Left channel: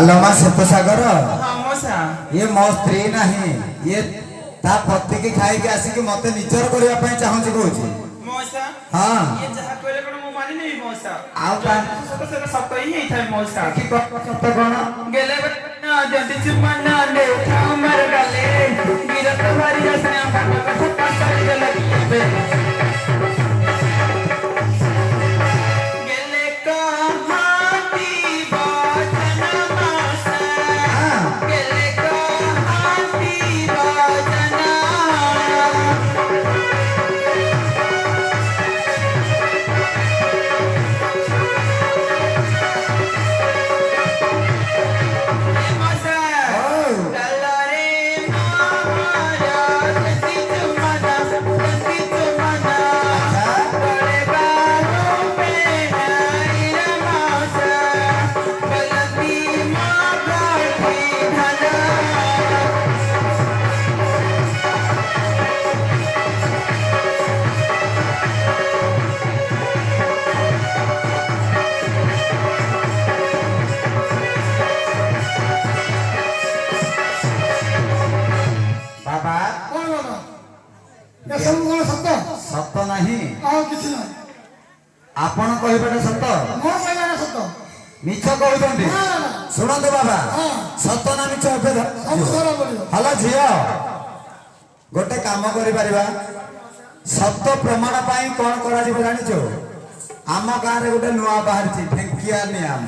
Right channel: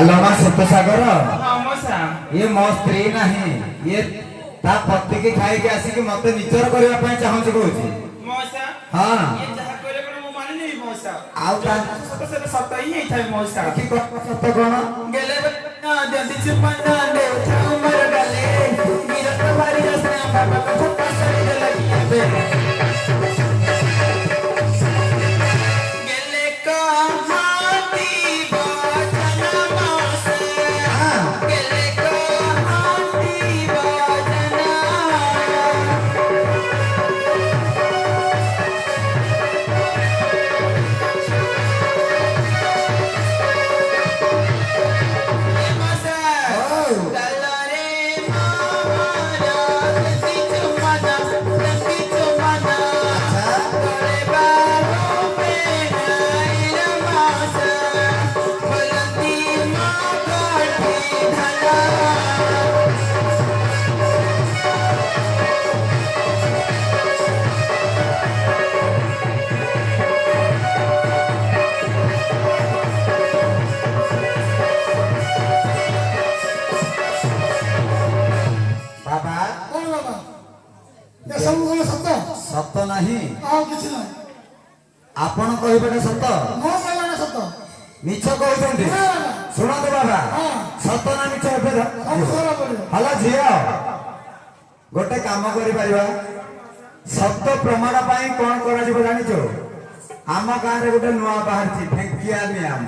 आलोमा सतसागर हाँ मौसा ये मो स्त्री नहीं ये ता पति की खाई के आसी कि मते निचर करबा पई चाहू छी कहू छी मौसा हां ये जहा करे कोन मो मानि नहीं मौसा आउ का सत ही थाई मौसा की सत कोन गेले ना जंती चुपना दे उमर गले गिरत भारी रसना बाबा को ठप्पा सारी गले बे गेले का हाथी बाजना मौसा गेले का हाथी बाजना बाबा कौन बाबा ये सब कौन सत्य सत नहीं और किछ नहीं आपण कहबेटा सत मो कहला सत्य मिछ कहउछन्ती ना ना सुनंत बाबा हां सत ना मिछ एबे सब सारा बोलियो हलो झियो गोटे काम करि परिबा सत प्रमाण पाई कोन करा जिवो जानिचो आम गां रे गोटे नुआ बाहर छी ठेकिया नियम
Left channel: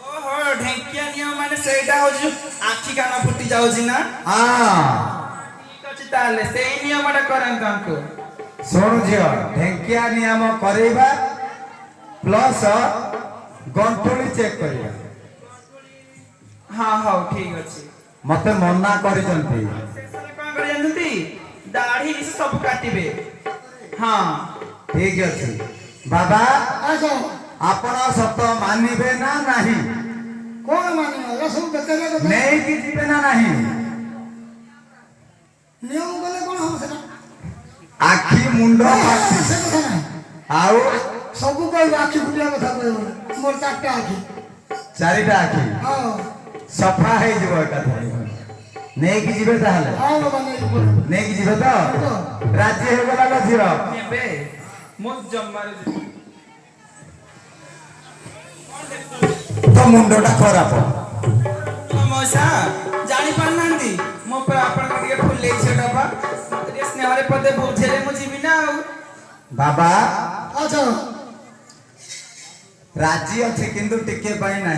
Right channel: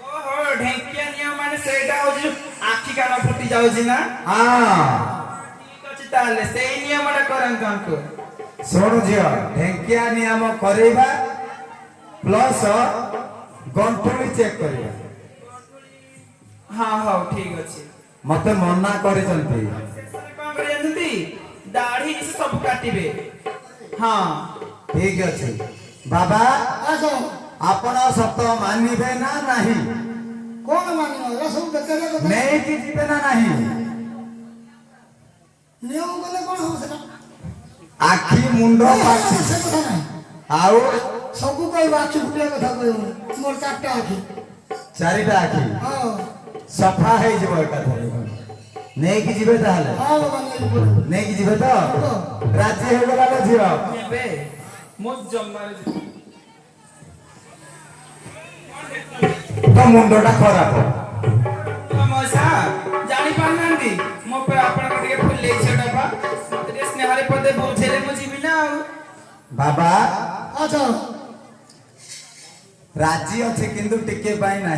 ओहो ढेंकिया नियम माने सेटा होजी आखी कान फुटी जाउजी ना हां ठीक अछि ताले सेही नियमटा करन हमको सोनु झियो ठेकिया नियम करेबा प्लस गंठुली चेक करिबा हां हां ठीक अछि मते मना करिसंती कोन करि जानती दाढ़ी से सब काटिबे हां ठीक अछि बाबा आसो आपण सत मानिबे ना नाही कौन मानियो ये सब बेकार कथा नहीं कि जीवे ना नाही नियम बोले कौन हम सेना आखी मुंडो फाटी से कथा नहीं आउ सब कोई आखि फुटिया कथा कहबो मोर चारटा आखि चारिटा आखी हां सफा है जीव एकाथरे नहीं कि जीवे ताहले हां बाबा नहीं बोल नहीं कि जीवे तो राजी हो गला लो झियो नेबे मो जम्मार तो मुंडोटा खराब मौसा जानी पारनांती मो पे आपण को टिके फुल ले छटा बा ते स्नेहरे पदे बुझेले मो जीवी ना बाबा अच्छा राजी अच्छे किंतु टिके पाई ना